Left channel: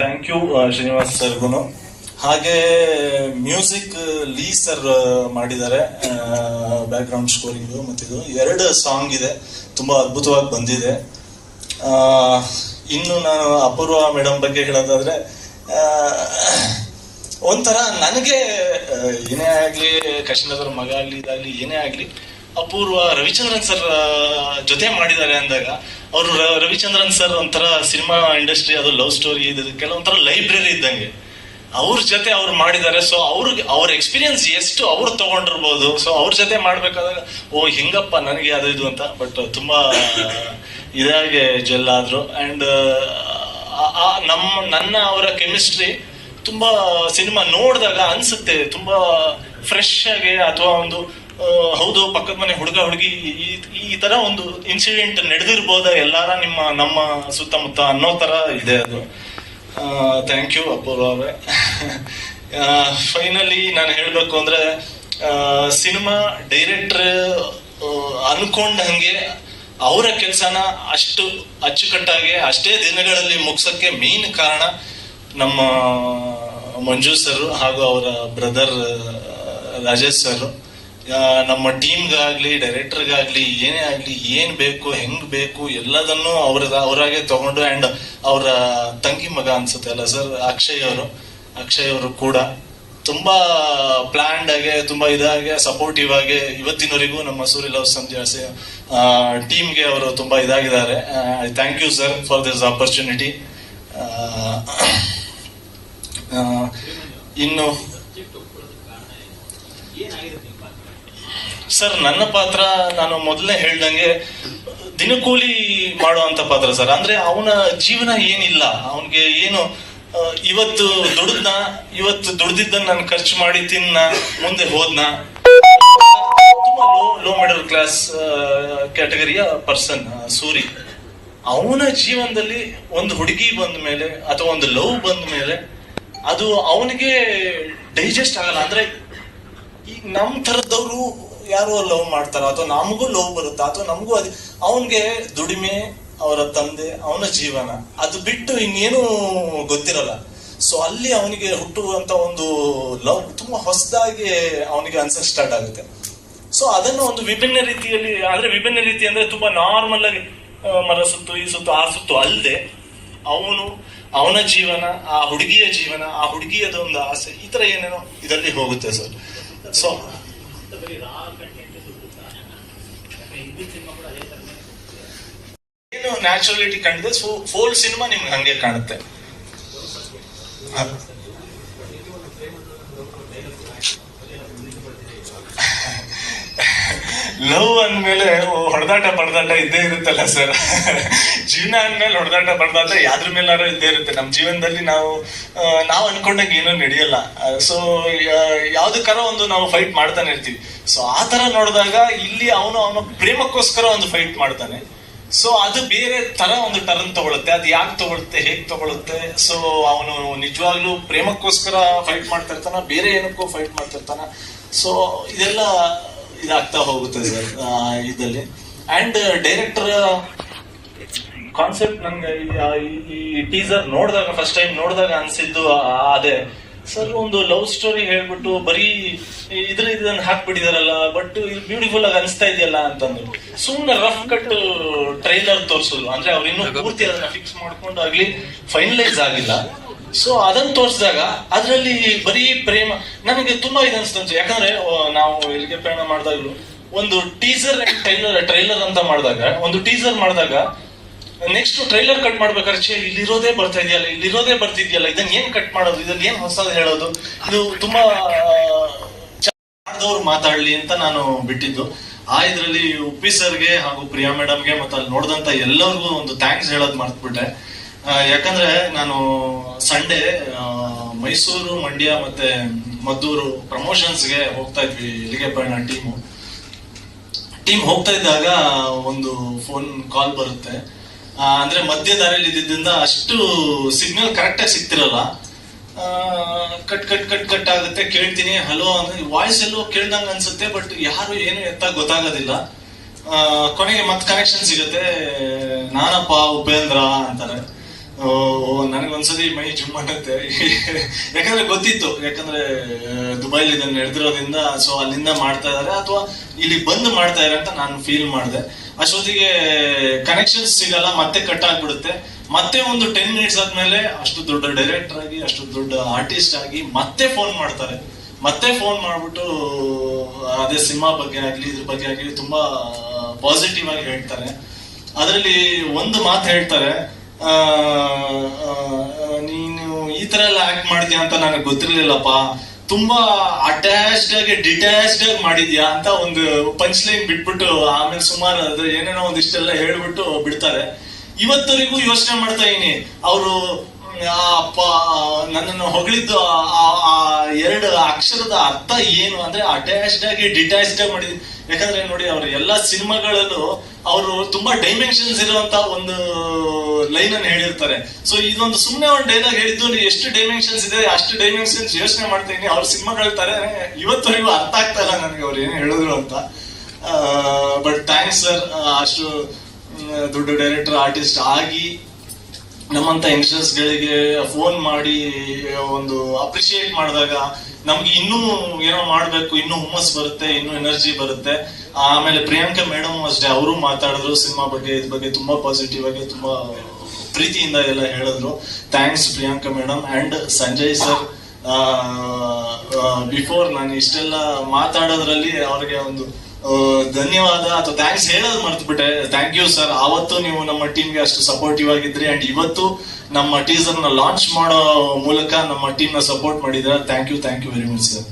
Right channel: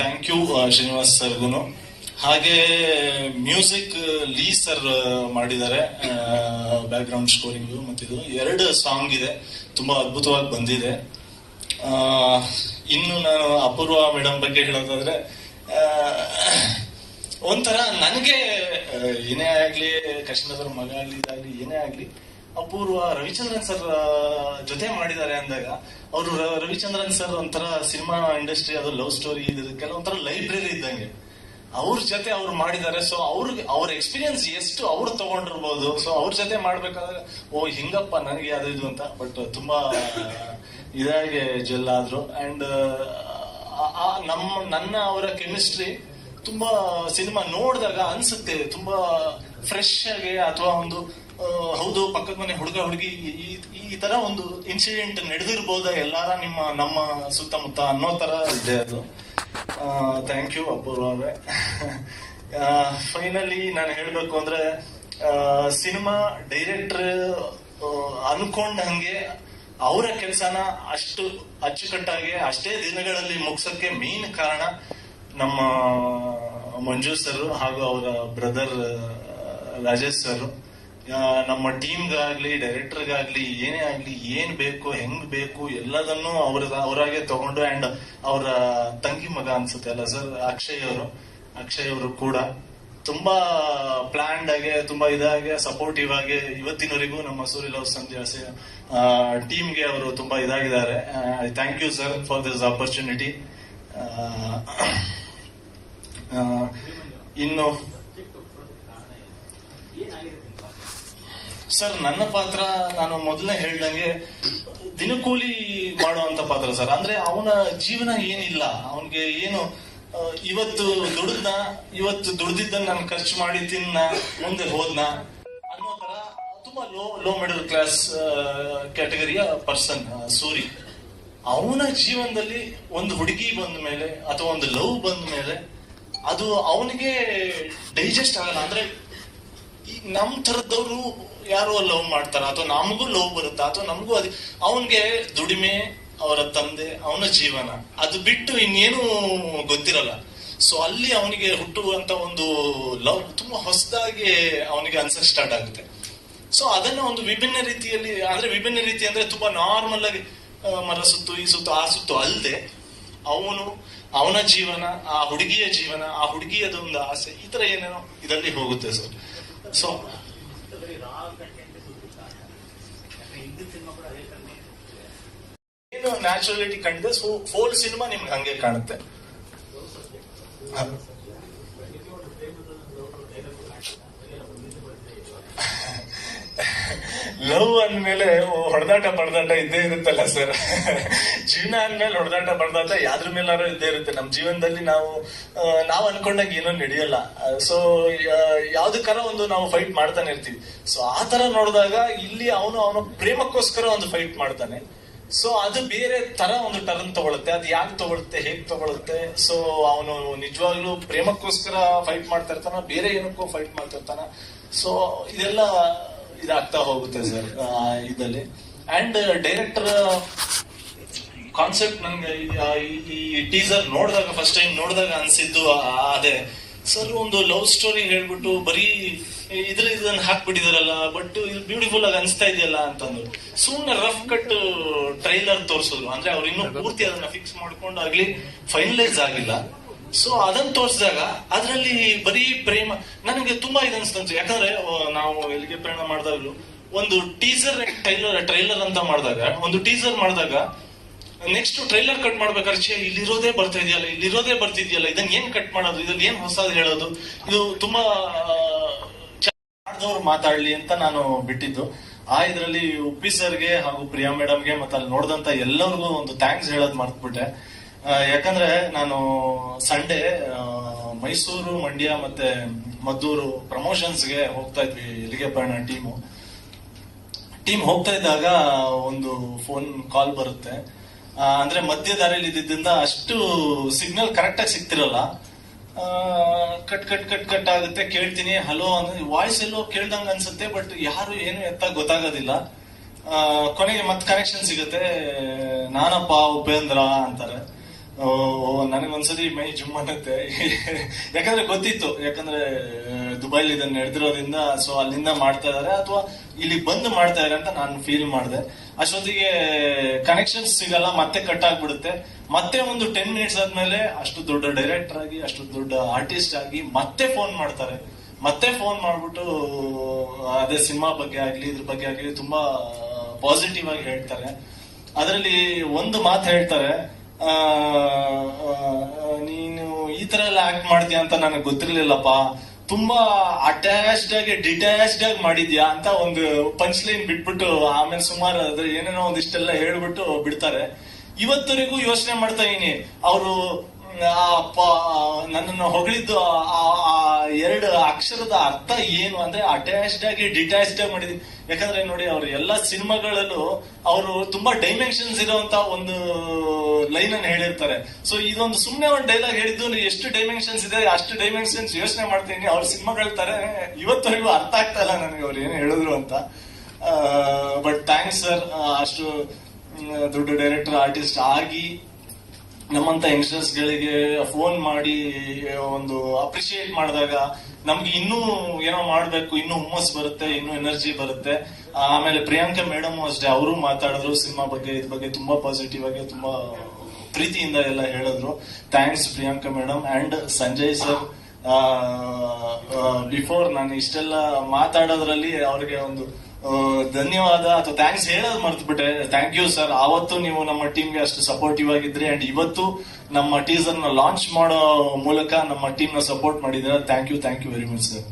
Thank you Srinivas ಸರ್ಗುನು ಹಾಗೆ music ಲೀ ಸರ್ ಮಾಡಿದ್ದಾರೆ. ಬ್ಯಾಕ್ ಗ್ರೌಂಡ್ ಸ್ಕೋರಿಂಗು ಮತ್ತಿದು ಎರಡು ಸಾಂಗ್ ಇದೆ. ತುಂಬ ಅದ್ಭುತವಾಗಿ ಬಂದಿದೆ. ಇನ್ನು ನಾನು ಅಪೂರ್ವ ಮೇಡಮ್ ಬಗ್ಗೆ ಹೇಳೋದಾದ್ರೆ ಒಂಥರ ನನಗೆ ಏನೇ ಆಗಲಿ ಕೃಷ್ಣದವ್ರ ಮಗ ಆಗಲಿ, ಇದಾಗಲಿ, ಏನೇ ಆಗ್ಲಿ ಅಪೂರ್ವ ರವಿಚಂದ್ರನ್ ಸರ್ ಜೊತೆ ಮಾಡಿದ್ದಾರೆ ಅಂದಾಗ, ಅವರು ರವಿಚಂದ್ರನ್ ಸರ್ ಒಂಥರ ಸಿನಿಮಾ ಇಂಡಸ್ಟ್ರಿ, ಅದು ಲವ್ ಸ್ಟೋರಿ, ಇದು ಕೆಲವೊಂಥರ ಲೈಬ್ರರಿ ಇದ್ದಂಗೆ. ಅವ್ರ ಜೊತೆ ಅವ್ರು ಮಾಡಿದ್ದಾರೆ ಸೊ ಅವ್ರಿಗೆ, ಅವ್ರ ಎಕ್ಸ್ಪೀರಿಯನ್ಸ್ ಎಷ್ಟು ಅವ್ರು ತಗೊಂಡಿರ್ಬೋದು ಸೊ ಅವ್ರ ಜೊತೆ ಮಾಡ್ಬೇಕಾದಾಗ, ಓ, ಹೆಂಗಪ್ಪ ನನಗೆ ಅದು ಇದು ಅಂತ. ಬಟ್ ತುಂಬಾ, ಇದಾಗಿ ಜೆಲ್ ಆದ್ರು. ಅಂಡ್ ನಮ್ಮ, ನನ್ನ ಅವರ ಕೆಮಿಸ್ಟ್ರಿ ತುಂಬಾ ಸಿನಿಮಾ ನೋಡಿದಾಗ ಅನ್ಸುತ್ತೆ, ತುಂಬಾ ಫ್ರೆಶ್ ಆಗಿ, ಅಥವಾ ಒಂದು ಹೌದು, ಪಕ್ಕದ ಮನೆ ಹುಡುಗ, ಹುಡುಗಿ, ಈ- ತರ ಒಂದು ಇನ್ಸಿಡೆಂಟ್ ನಡೆದಿರ್ಬೋದ ಎಲ್ಲಾರ ನಿಮ್ಮ, ನಮ್ಮ ಸುತ್ತಮುತ್ತ ಅನ್ನೋ ತರ ಇದೆ ಅದು. ಥ್ಯಾಂಕ್ ಯು ಅಪೂರ್ವ ಅವರೇ. ಫೈನಲಿ ನಾನು ಹೇಳಬೇಕು ಅಂದ್ರೆ ಸಿನಿಮಾ ಡೈರೆಕ್ಟರ್ ಅನ್ಕೊಂಡಂಗೆ ಅವರ ಕೆಲಸನ ಅಷ್ಟು ಅಚ್ಚುಕಟ್ಟಾಗಿ ಅಷ್ಟೇ ದಿನಗಳಲ್ಲಿ ಮುಗಿಸೋಕ್ಕೆ ಮೇನ್ ಕಾರಣ ನಮ್ಮ ಮಂಜು ಸರ್ ಹಾಗೂ ಅವರ ಬ್ರದರ್ ರಾಜೇಶ್ ಸರ್. ನಮ್ಮ ಟೀಮ್ಗಾಗ್ಲಿ ಡೈರೆಕ್ಟರ್ಗಾಗ್ಲಿ ಏನೇ ಆಗ್ಲಿ, ಏನ್ ಬೇಕು, ಹೆಂಗ್ ಬೇಕು, ಎಲ್ಲದನ್ನು ಅವ್ರ ಅವರಾಗೆ ತಗೊಂಡು ಅಂಡ್ ಅವರ ತಂಗಿ ಮಗ ಅನ್ಸುತ್ತೆ ಅಲ್ಲ ಸರ್ ಅಕ್ಷಯ್ ಅವರು. ಅಕ್ಷಯ್ ಅವರು ಕೂಡ ತುಂಬಾ ಪ್ಲಾನ್ಡ್ ಆಗಿ, ತುಂಬಾ ಇದಾಗಿ ಸಪೋರ್ಟಿವ್ ಆಗಿ ಇವತ್ತಿನವರೆಗೂ ನಮ್ಮ ಸೂರ್ಯ ಲವ್ ಸಂಜೆ ಟೀಮ್ಗೆ ಅವರು ತುಂಬಾ ಇದಾಗಿದ್ದಾರೆ. Thank you sir for this opportunity ಇನ್ನು ಸರ್, ನನ್ನ ಪಾತ್ರ ನಾನು ಮೊದಲೇ ಹೇಳ್ದಂಗೆ ದಿನಕೂಲಿ ಮಾಡುವಂತ ಪಾತ್ರ ಸರ್. ಅಂದ್ರೆ ಅವನ ಜೀವನ ಏನಿಲ್ಲ, ಅವನಿಗೆ ಏನು ಇವತ್ತು ದುಡ್ದನ, ಇವತ್ತು ದುಡ್ದಿದ್ದನ್ನ ನಾನು ಖರ್ಚು ಮಾಡಿ ತಿನ್ನ, ಮುಂದೆ ಹೋದ್ನ. ತುಂಬಾ ಲೋ ಲೋ ಮಿಡಲ್ ಕ್ಲಾಸ್ ಕ್ಯಾಟಗರಿಯ ಪರ್ಸನ್ ಸೂರಿ. ಅವನ ಜೀವನದಲ್ಲಿ ಒಂದು ಹುಡುಗಿ ಬಂದ ಮೇಲೆ ಅಥವಾ ಒಂದು ಲವ್ ಬಂದ ಮೇಲೆ ಅದು ಅವನಿಗೆ ಡೈಜೆಸ್ಟ್ ಆಗಲ್ಲ. ಅಂದ್ರೆ ಈಗ ನಮ್ ತರದವ್ರು ಯಾರೋ ಲವ್ ಮಾಡ್ತಾರ, ಅಥವಾ ನಮಗೂ ಲವ್ ಬರುತ್ತಾ, ಅಥವಾ ನಮಗೂ ಅದೇ, ಅವನ್ಗೆ ದುಡಿಮೆ, ಅವರ ತಂದೆ, ಅವನ ಜೀವನ, ಅದು ಬಿಟ್ಟು ಇನ್ನೇನು ಗೊತ್ತಿರಲ್ಲ. ಸೊ ಅಲ್ಲಿ ಅವನಿಗೆ ಹುಟ್ಟುವಂತ ಒಂದು ಲವ್ ತುಂಬಾ ಹೊಸದಾಗಿ ಅವನಿಗೆ ಅನ್ಸಕ್ ಸ್ಟಾರ್ಟ್ ಆಗುತ್ತೆ. ಸೊ ಅದನ್ನು ಒಂದು ವಿಭಿನ್ನ ರೀತಿಯಲ್ಲಿ, ಅಂದ್ರೆ ವಿಭಿನ್ನ ರೀತಿ ಅಂದ್ರೆ ತುಂಬಾ ನಾರ್ಮಲ್ ಆಗಿ ಮರ ಸುತ್ತು, ಈ ಸುತ್ತು, ಆ ಸುತ್ತು ಅಲ್ಲದೆ, ಅವನು ಅವನ ಜೀವನ, ಆ ಹುಡುಗಿಯ ಜೀವನ, ಆ ಹುಡುಗಿಯದೊಂದು ಆಸೆ, ಈ ತರ ಏನೇನೋ ಇದರಲ್ಲಿ ಹೋಗುತ್ತೆ ಸರ್. ಸೊ ಏನು ನ್ಯಾಚುರಲಿಟಿ ಕಾಣಿದೆ ಫೋಲ್ ಸಿನಿಮಾ ನಿಮ್ಗೆ ಹಂಗೆ ಕಾಣುತ್ತೆ. ಲವ್ ಅಂದ್ಮೇಲೆ ಹೊಡೆದಾಟ ಬಡದಾಟ ಇದ್ದೇ ಇರುತ್ತಲ್ಲ ಸರ್ ಜೀವನ ಅಂದ್ಮೇಲೆ ಹೊಡೆದಾಟ ಬಡದಾಟ ಯಾವ್ದ್ರ ಮೇಲಾರು ಇದ್ದೇ ಇರುತ್ತೆ. ನಮ್ಮ ಜೀವನದಲ್ಲಿ ನಾವು ನಾವು ಅನ್ಕೊಂಡಂಗೆ ಏನೂ ನಡೆಯಲ್ಲ. ಸೊ ಯಾವ್ದಕ್ಕಾರ ಒಂದು ನಾವು ಫೈಟ್ ಮಾಡ್ತಾನೆ ಇರ್ತೀವಿ. ಸೊ ಆ ತರ ನೋಡಿದಾಗ ಇಲ್ಲಿ ಅವನು, ಅವನ ಪ್ರೇಮಕ್ಕೋಸ್ಕರ ಒಂದು ಫೈಟ್ ಮಾಡ್ತಾನೆ. ಸೊ ಅದು ಬೇರೆ ತರ ಒಂದು ಟರ್ನ್ ತಗೊಳುತ್ತೆ. ಅದು ಯಾಕೆ ತಗೊಳುತ್ತೆ, ಹೇಗ್ ತಗೊಳುತ್ತೆ? ಸೊ ಅವನು ನಿಜವಾಗ್ಲೂ ಪ್ರೇಮಕ್ಕೋಸ್ಕರ ಫೈಟ್ ಮಾಡ್ತಾ ಇರ್ತಾನ ಬೇರೆ ಏನಕ್ಕೂ ಫೈಟ್ ಮಾಡ್ತಿರ್ತಾನ. ಸೊ ಇದೆಲ್ಲ ಇದಾಗ್ತಾ ಹೋಗುತ್ತೆ ಸರ್ ಇದಲ್ಲಿ ಅಂಡ್ ಡೈರೆಕ್ಟರ್ ಕಾನ್ಸೆಪ್ಟ್ ನನಗೆ ಈ- ಈ ಟೀಸರ್ ನೋಡಿದಾಗ ಫಸ್ಟ್ ಟೈಮ್ ನೋಡಿದಾಗ ಅನ್ಸಿದ್ದು ಅದೇ. ಸರ್ ಒಂದು ಲವ್ ಸ್ಟೋರಿ ಹೇಳ್ಬಿಟ್ಟು ಬರೀ ಇದ್ರ ಇದನ್ನ ಹಾಕ್ಬಿಟ್ಟಿದಾರಲ್ಲ ಬಟ್ ಇದು ಬ್ಯೂಟಿಫುಲ್ ಆಗಿ ಅನಿಸ್ತಾ ಇದೆಯಲ್ಲ ಅಂತಂದ್ರು. ಸುಮ್ಮನೆ ರಫ್ ಕಟ್ ಟ್ರೈಲರ್ ತೋರಿಸಿದ್ರು. ಅಂದ್ರೆ ಅವ್ರು ಇನ್ನೂ ಪೂರ್ತಿ ಅದನ್ನ ಫಿಕ್ಸ್ ಮಾಡ್ಕೊಂಡು ಆಗ್ಲಿ ಫೈನಲೈಸ್ ಆಗಿಲ್ಲ. ಸೊ ಅದನ್ನ ತೋರಿಸಿದಾಗ ಅದರಲ್ಲಿ ಬರೀ ಪ್ರೇಮ, ನನಗೆ ತುಂಬಾ ಇದು ಅನ್ಸ್ತು ಯಾಕಂದ್ರೆ ನಾವು ಇಲ್ಲಿಗೆ ಪ್ರಯಾಣ ಮಾಡಿದಾಗ ಒಂದು ಟೀಸರ್ ಟ್ರೈಲರ್ ಟ್ರೈಲರ್ ಅಂತ ಮಾಡಿದಾಗ, ಒಂದು ಟೀಸರ್ ಮಾಡಿದಾಗ ನೆಕ್ಸ್ಟ್ ಟ್ರೈಲರ್ ಕಟ್ ಮಾಡ್ಬೇಕಾದ್ರೆ, ಛೇ, ಇಲ್ಲಿರೋದೇ ಬರ್ತಾ ಇದೆಯಲ್ಲ, ಇಲ್ಲಿರೋದೇ ಬರ್ತಿದ್ಯಲ್ಲ, ಇದನ್ನ ಏನ್ ಕಟ್ ಮಾಡೋದು, ಇದನ್ನ ಏನ್ ಹೊಸದು ಹೇಳೋದು? ಇದು ತುಂಬಾ ಮಾಡಿದವ್ರು ಮಾತಾಡ್ಲಿ ಅಂತ ನಾನು ಬಿಟ್ಟಿದ್ದು. ಆ ಇದ್ರಲ್ಲಿ ಉಪ್ಪಿ ಸರ್ಗೆ ಹಾಗೂ ಪ್ರಿಯಾ ಮೇಡಮ್ಗೆ ಮತ್ತೆ ಅಲ್ಲಿ ನೋಡಿದಂತ ಎಲ್ಲರಿಗೂ ಒಂದು ಥ್ಯಾಂಕ್ಸ್ ಹೇಳೋದು ಮರ್ತ್ಬಿಟ್ಟೆ. ಯಾಕಂದ್ರೆ ನಾನು ಸಂಡೇ ಮೈಸೂರು, ಮಂಡ್ಯ ಮತ್ತೆ ಮದ್ದೂರು ಪ್ರಮೋಷನ್ಸ್ಗೆ ಹೋಗ್ತಾ ಇದ್ವಿ ಇಲ್ಲಿಗೆ ಪಯಣ ಟೀಮು ಟೀಮ್ ಹೋಗ್ತಾ ಇದ್ದಾಗ ಒಂದು ಫೋನ್ ಕಾಲ್ ಬರುತ್ತೆ. ಅಂದ್ರೆ ಮಧ್ಯ ದಾರಿಯಲ್ಲಿ ಇದ್ದಿದ್ದರಿಂದ ಅಷ್ಟು ಸಿಗ್ನಲ್ ಕರೆಕ್ಟ್ ಆಗಿ ಸಿಗ್ತಿರಲ್ಲ. ಕಟ್ ಕಟ್ ಕಟ್ ಕಟ್ ಆಗುತ್ತೆ. ಕೇಳ್ತೀನಿ ಹಲೋ ಅಂದ್ರೆ ವಾಯ್ಸ್ ಎಲ್ಲೋ ಕೇಳ್ದಂಗ ಅನ್ಸುತ್ತೆ ಬಟ್ ಯಾರು ಏನು ಎತ್ತ ಗೊತ್ತಾಗೋದಿಲ್ಲ. ಕೊನೆಗೆ ಮತ್ತೆ ಕನೆಕ್ಷನ್ ಸಿಗುತ್ತೆ. ನಾನಪ್ಪ, ಉಪೇಂದ್ರ ಅಂತಾರೆ. ನನಗೊಂದ್ಸತಿ ಮೈ ಜುಮ್ ಅನ್ನತ್ತೆ. ಯಾಕಂದ್ರೆ ಗೊತ್ತಿತ್ತು. ಯಾಕಂದ್ರೆ ದುಬೈಲಿ ಇದನ್ನ ನಡೆದಿರೋದ್ರಿಂದ ಸೊ ಅಲ್ಲಿಂದ ಮಾಡ್ತಾ ಇದಾರೆ, ಅಥವಾ ಇಲ್ಲಿ ಬಂದು ಮಾಡ್ತಾ ಇದಾರೆ ಅಂತ ನಾನು ಫೀಲ್ ಮಾಡಿದೆ. ಅಷ್ಟೊತ್ತಿಗೆ ಕನೆಕ್ಷನ್ಸ್ ಸಿಗಲ್ಲ, ಮತ್ತೆ ಕಟ್ ಆಗ್ಬಿಡುತ್ತೆ. ಮತ್ತೆ ಒಂದು ಟೆನ್ ಮಿನಿಟ್ಸ್ ಆದ್ಮೇಲೆ ಅಷ್ಟು ದೊಡ್ಡ ಡೈರೆಕ್ಟರ್ ಆಗಿ, ಅಷ್ಟು ದೊಡ್ಡ ಆರ್ಟಿಸ್ಟ್ ಆಗಿ ಮತ್ತೆ ಫೋನ್ ಮಾಡ್ತಾರೆ. ಮತ್ತೆ ಫೋನ್ ಮಾಡ್ಬಿಟ್ಟು, ಅದೇ ಸಿನಿಮಾ ಬಗ್ಗೆ ಆಗ್ಲಿ, ಇದ್ರ ಬಗ್ಗೆ ಆಗ್ಲಿ ತುಂಬಾ ಪಾಸಿಟಿವ್ ಆಗಿ ಹೇಳ್ತಾರೆ. ಅದರಲ್ಲಿ ಒಂದು ಮಾತು ಹೇಳ್ತಾರೆ ನೀನು ಈ ತರ ಎಲ್ಲ ಆಕ್ಟ್ ಮಾಡಿದ್ಯಾ ಅಂತ ನನಗೆ ಗೊತ್ತಿರ್ಲಿಲ್ಲಪ್ಪ. ತುಂಬಾ ಅಟ್ಯಾಚ್ಡ್ ಆಗಿ ಡಿಟ್ಯಾಚ್ಡ್ ಆಗಿ ಮಾಡಿದ್ಯಾ ಅಂತ ಒಂದು ಪಂಚ್ ಲೈನ್ ಬಿಟ್ಬಿಟ್ಟು ಆಮೇಲೆ ಸುಮಾರು ಅದ್ರ ಏನೇನೋ ಒಂದಿಷ್ಟೆಲ್ಲ ಹೇಳ್ಬಿಟ್ಟು ಬಿಡ್ತಾರೆ. ಇವತ್ತವರೆಗೂ ಯೋಚನೆ ಮಾಡ್ತಾ ಇದೀನಿ. ಅವರು, ಆ ಅಪ್ಪ ನನ್ನನ್ನು ಹೊಗಳಿದ್ದು ಆ ಎರಡು ಅಕ್ಷರದ ಅರ್ಥ ಏನು ಅಂದ್ರೆ ಅಟ್ಯಾಚ್ಡ್ ಆಗಿ ಡಿಟ್ಯಾಚ್ಡ್ ಆಗಿ ಮಾಡಿದ್ ಯಾಕಂದ್ರೆ ನೋಡಿ ಅವ್ರ ಎಲ್ಲಾ ಸಿನಿಮಾಗಳಲ್ಲೂ ಅವರು ತುಂಬಾ ಡೈಮೆನ್ಷನ್ಸ್ ಇರುವಂತ ಒಂದು ಲೈನ್ ಅನ್ನು ಹೇಳಿರ್ತಾರೆ. ಸೊ ಇದೊಂದು ಸುಮ್ಮನೆ ಒಂದು ಡೈಲಾಗ್ ಹೇಳಿದ್ದು ಎಷ್ಟು ಡೈಮೆನ್ಷನ್ಸ್ ಇದೆ, ಅಷ್ಟು ಡೈಮೆನ್ಷನ್ಸ್ ಯೋಚನೆ ಮಾಡ್ತೀನಿ. ಅವ್ರ ಸಿನಿಮಾಗಳ ತರ ಇವತ್ತವರೆಗೂ ಅರ್ಥ ಆಗ್ತಾ ಇಲ್ಲ ನನಗೆ ಅವ್ರು ಏನು ಹೇಳಿದ್ರು ಅಂತ. ಬಟ್ ಥ್ಯಾಂಕ್ಸ್ ಸರ್ ಅಷ್ಟು ದೊಡ್ಡ ಡೈರೆಕ್ಟರ್ ಆರ್ಟಿಸ್ಟ್ ಆಗಿ ನಮ್ಮಂತ ಯಂಗ್ಸ್ಟರ್ಸ್ ಗಳಿಗೆ ಫೋನ್ ಮಾಡಿ, ಒಂದು ಅಪ್ರಿಶಿಯೇಟ್ ಮಾಡಿದಾಗ ನಮ್ಗೆ ಇನ್ನೂ ಏನೋ ಮಾಡ್ಬೇಕು, ಇನ್ನೂ ಹುಮ್ಮಸ್ ಬರುತ್ತೆ, ಇನ್ನೂ ಎನರ್ಜಿ ಬರುತ್ತೆ. ಆಮೇಲೆ ಪ್ರಿಯಾಂಕಾ ಮೇಡಮ್ ಅಷ್ಟೇ, ಅವರು ಮಾತಾಡಿದ್ರು, ಸಿನಿಮಾ ಬಗ್ಗೆ, ಇದ್ ಬಗ್ಗೆ ತುಂಬಾ ಪಾಸಿಟಿವ್ ಆಗಿ, ತುಂಬಾ ಪ್ರೀತಿಯಿಂದ ಎಲ್ಲ ಹೇಳಿದ್ರು. Thanks Priyanka madam. And Sanjay sir before ನಾನು ಇಷ್ಟೆಲ್ಲ ಮಾತಾಡೋದ್ರಲ್ಲಿ ಅವ್ರಿಗೆ ಒಂದು ಧನ್ಯವಾದ ಅಥವಾ ಥ್ಯಾಂಕ್ಸ್ ಹೇಳೋದು ಮರ್ತ್ಬಿಟ್ಟೆ. ಥ್ಯಾಂಕ್ ಯು ಸರ್ ಆವತ್ತು ನೀವು ನಮ್ಮ ಟೀಮ್ಗೆ ಅಷ್ಟು ಸಪೋರ್ಟಿವ್ ಆಗಿದ್ರಿ. ಅಂಡ್ ಇವತ್ತು ನಮ್ಮ ಟೀಸರ್ನ ಲಾಂಚ್ ಮಾಡೋ ಮೂಲಕ ನಮ್ಮ ಟೀಮ್ನ ಸಪೋರ್ಟ್ ಮಾಡಿದ್ರೆ. Thank you thank you very much sir